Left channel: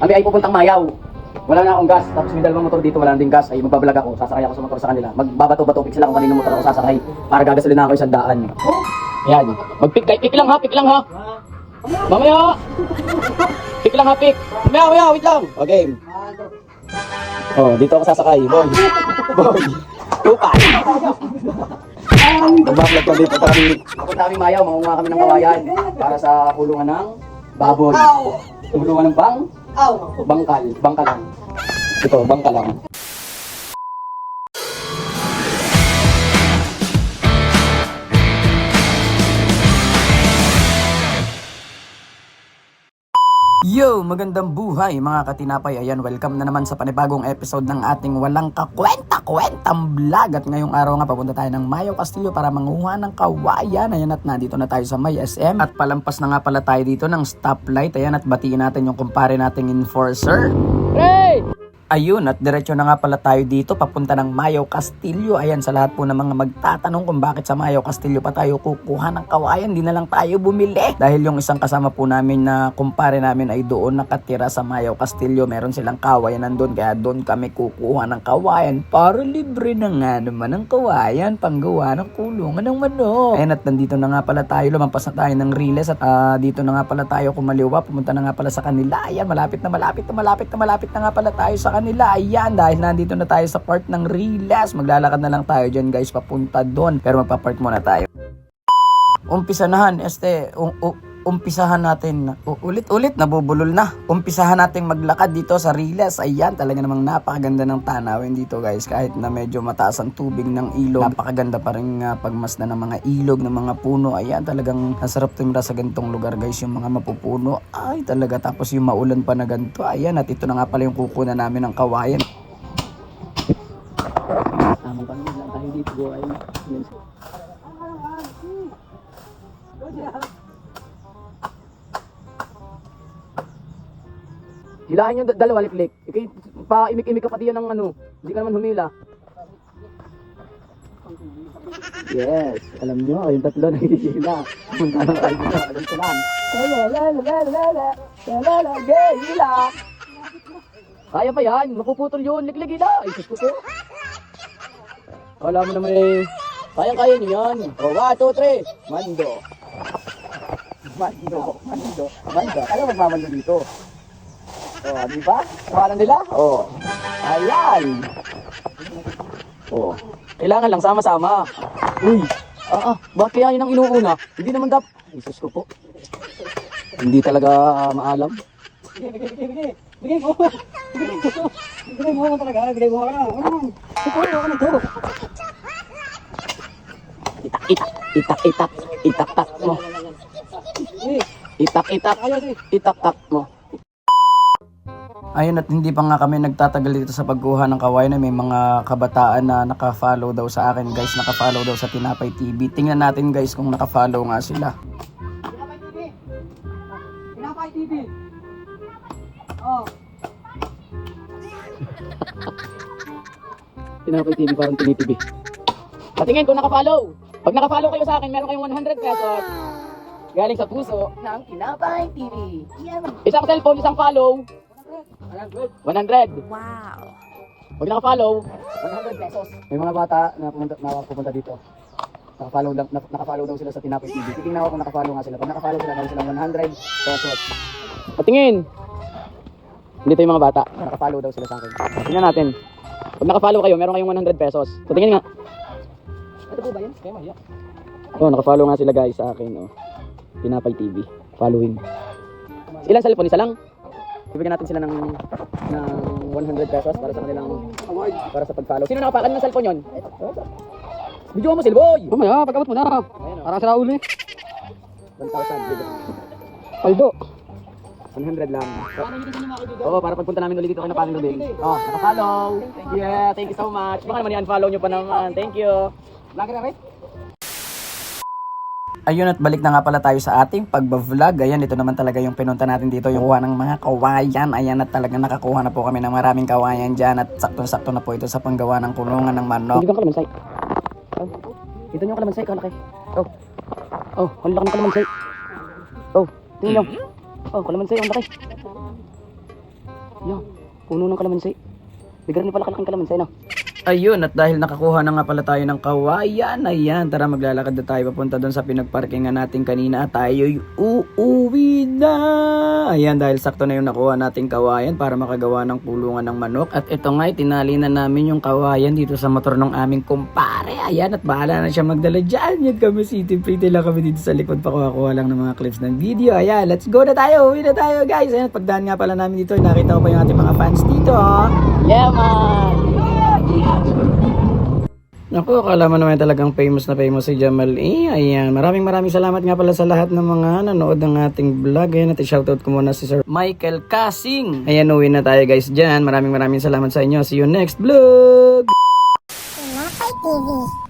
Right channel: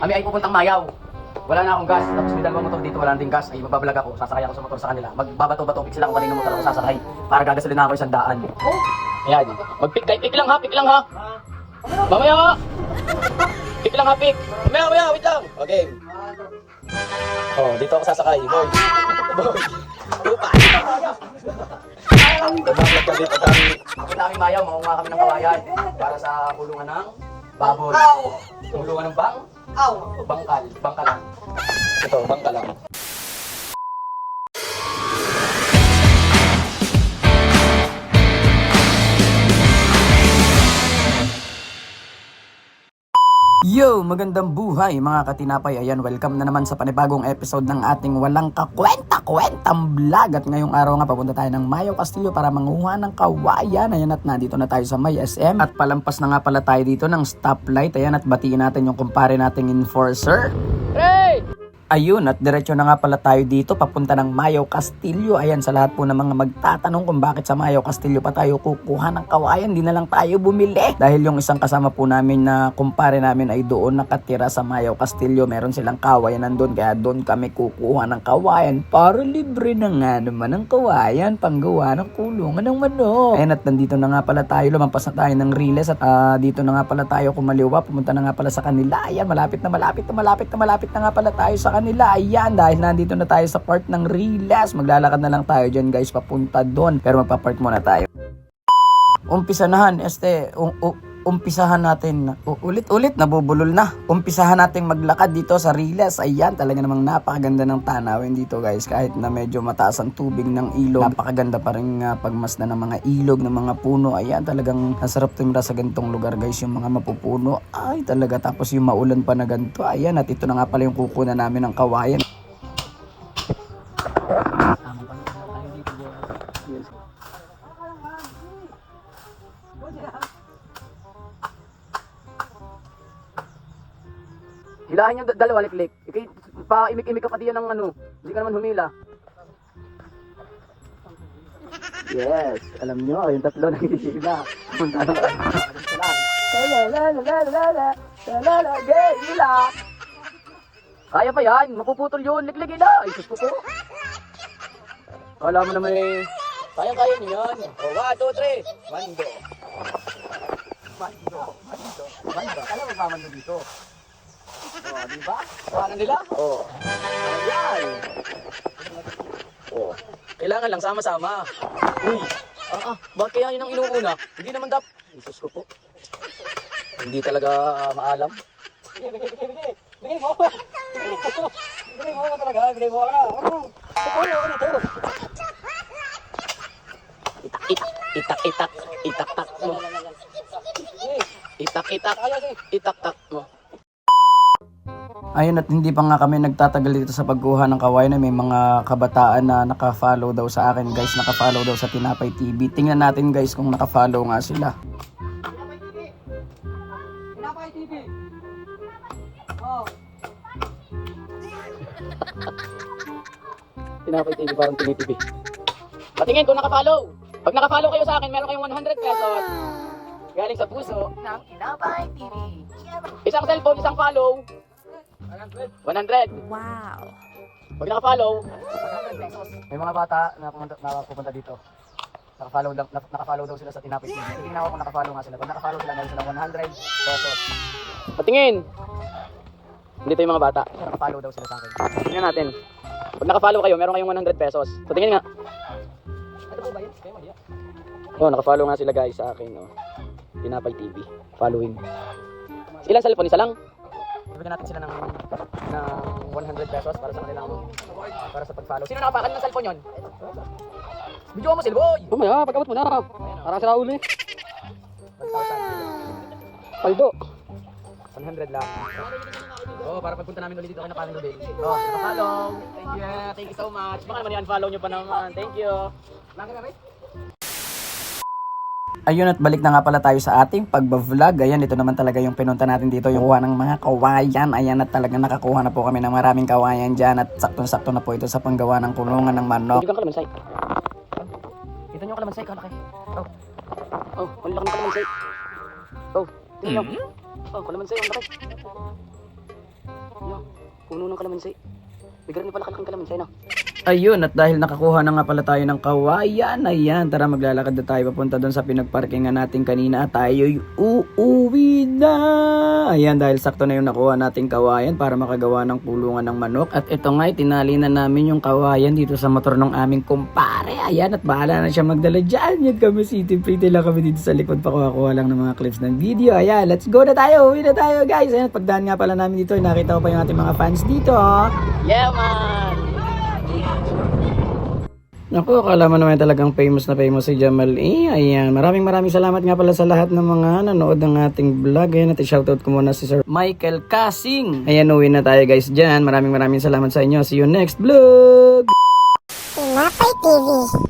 Kami ay pupuntang Mayaw. Wala na akong gas. Tapos may dalawang motor dito, wala na din gas. Ay magbablog ako, sasakay ako sa motor sa kanila. Magbabato-bato sila kung kanino motor ako sasakay. Para gagasolin na ako 100. Ayan. Pick lang ha. Mamaya ha. Pick lang ha. Mamaya, wait lang. Okay. Oh, dito ako sasakay. Boy. Tupa. Magbablog kami. Pupunta kami Mayaw, mangunga kami ng kawayan. Para sa kulungan ng baboy. Kulungan ng bangkal lang. Ito, bangkal lang. Yo! Magandang buhay mga katinapay. Ayan, welcome na naman sa panibagong episode ng ating walang kakwenta-kwentang vlog. At ngayong araw nga papunta tayo ng Mayaw Castillo para manguha ng kawayan. Ayan, at nandito na tayo sa May SM. At palampas na nga pala tayo dito ng stoplight. Ayan, at batiin natin yung kumpare nating enforcer. Hey! Ayun, at diretso na nga pala tayo dito papunta ng Mayaw Castillo. Ayan, sa lahat po ng mga magtatanong kung bakit sa Mayaw Castillo pa tayo kukuha ng kawayan, di na lang tayo bumili. Dahil yung isang kasama po namin na kumpare namin ay doon nakatira sa Mayaw Castillo. Meron silang kawayan nandun, kaya doon kami kukuha ng kawayan para libre na nga naman ang kawayan panggawa ng kulungan ng manok. Ayan, at nandito na nga pala tayo, lumampas na tayo ng Riles at dito na nga pala tayo kumaliwa, pumunta na nga pala sa kanila. Ayan, malapit na nga pala tayo sa nila. Ayan, dahil nandito na tayo sa part ng Riles, maglalakad na lang tayo dyan guys papunta doon, pero magpa-park muna tayo. Umpisahan natin ulit nabubulol na. Umpisahan nating maglakad dito sa Riles. Ayan, talaga namang napakaganda ng tanawin dito guys, kahit na medyo mataas ang tubig ng ilog, napakaganda pa rin pagmasdan ng mga ilog, ng mga puno. Ayan, talagang nasarap tumira sa ganitong lugar guys, yung mga mapupuno. Ay talaga, tapos yung maulan pa na ganito. Ayan, at ito na nga pala yung kukunan namin ng kawayan. Tamang panood lang tayo dito guys. Hilahin yung dalawa, liklik. Pa-imik-imik ka pati yan ng ano. Hindi ka naman humila. Yes, alam nyo, yung tatlo nakikisila. Alam tayo dito, alam sila. Kaya pa yan, mapuputol yun, liklik hila. Ay, sus ko po. Alam mo naman eh. Kaya nyo yan. O, 1, 2, 3. Mando. Alam mo magmamando dito. Oh, di ba? Kuha nila? Oh. Ayan. Oh. Kailangan lang sama-sama. Uy. Bakit kaya yun ang inuuna? Hindi naman Jesus ko po. Hindi talaga maalam. Bigay mo. Bigay mo talaga. Bigay mo. Itak-tak mo. Itak-tak mo. Ayun, at hindi pa nga kami nagtatagal dito sa pagkuha ng kawayan, na may mga kabataan na naka-follow daw sa akin guys, naka-follow daw sa Tinapay TV. Tingnan natin guys kung naka-follow nga sila. Tinapay TV. Oh. Tinapay TV, parang TV. Patingin kung naka-follow. Pag naka-follow kayo sa akin, meron kayong 100 pesos. Galing sa puso ng Tinapay TV. Isang cellphone, isang follow. 100. Wow. Pag naka-follow, 100 pesos. May mga bata na pupunta dito. Naka-follow daw sila sa Tinapay TV. Tingnan ko kung naka-follow nga sila. Pag naka-follow sila, gano'n silang 100 pesos. Patingin! Dito yung mga bata. Naka-follow daw sila sa akin. Tingnan natin. Pag naka-follow kayo, meron kayong 100 pesos. Patingin nga. Ito po ba yun? Oh, naka-follow nga sila guys sa akin. Oh. Tinapay TV. Following. Ilan cellphone? Isa lang? Bibigyan natin sila ng 100 pesos para sa kanilang award, para sa pag-follow. Sino nakapakan ng cellphone yun? Video mo, Silboy! Mamaya, pag-abot mo na. Parang sira uli. 1,000. Paldo. 100 lang. Oo, para pagpunta namin ulit dito kay Napaling Rubin. Oh, naka-follow. Yeah, thank you so much. Baka naman i-unfollow nyo pa naman. Thank you. Lagi na rin. Ayun, at balik na nga pala tayo sa ating pagbablog. Ayan, ito naman talaga yung pinunta natin dito, yung kuha ng mga kawayan. Ayan, at talagang nakakuha na po kami ng maraming kawayan dyan. At saktong-sakto na po ito sa panggawa ng kulungan ng manok. Dito ka kalamansi. Oh, dito nyo kalamansi, kalaki. Oh, kalaki ng kalamansi. Oh, dito nyo. Oh, kalamansi, ang laki. Yan, puno ng kalamansi. Bigyan niyo pala kalaking kalamansi na. Ayun, at dahil nakakuha na nga pala tayo ng kawayan, ayan, tara maglalakad na tayo papunta doon sa pinagparkingan natin kanina at tayo'y uuwi na. Ayan, dahil sakto na yung nakuha nating kawayan para makagawa ng kulungan ng manok. At ito nga, tinali na namin yung kawayan dito sa motor ng aming kumpare. Ayan, at bahala na siya magdala dyan. Yan kami, city pretty lang kami dito sa likod, pakuha-kuha lang ng mga clips ng video. Ayan, let's go na tayo, uwi na tayo guys. Ayan, pagdaan nga pala namin dito, nakita ko pa yung ating mga fans dito. Yeah, man! Naku, akala mo naman talagang famous na famous si Jamal E. Ayan, maraming salamat nga pala sa lahat ng mga nanood ng ating vlog. Ayan, at shoutout ko muna si Sir Michael Casing. Ayan, uwi na tayo guys dyan. Maraming salamat sa inyo. See you next vlog! Tinapay TV.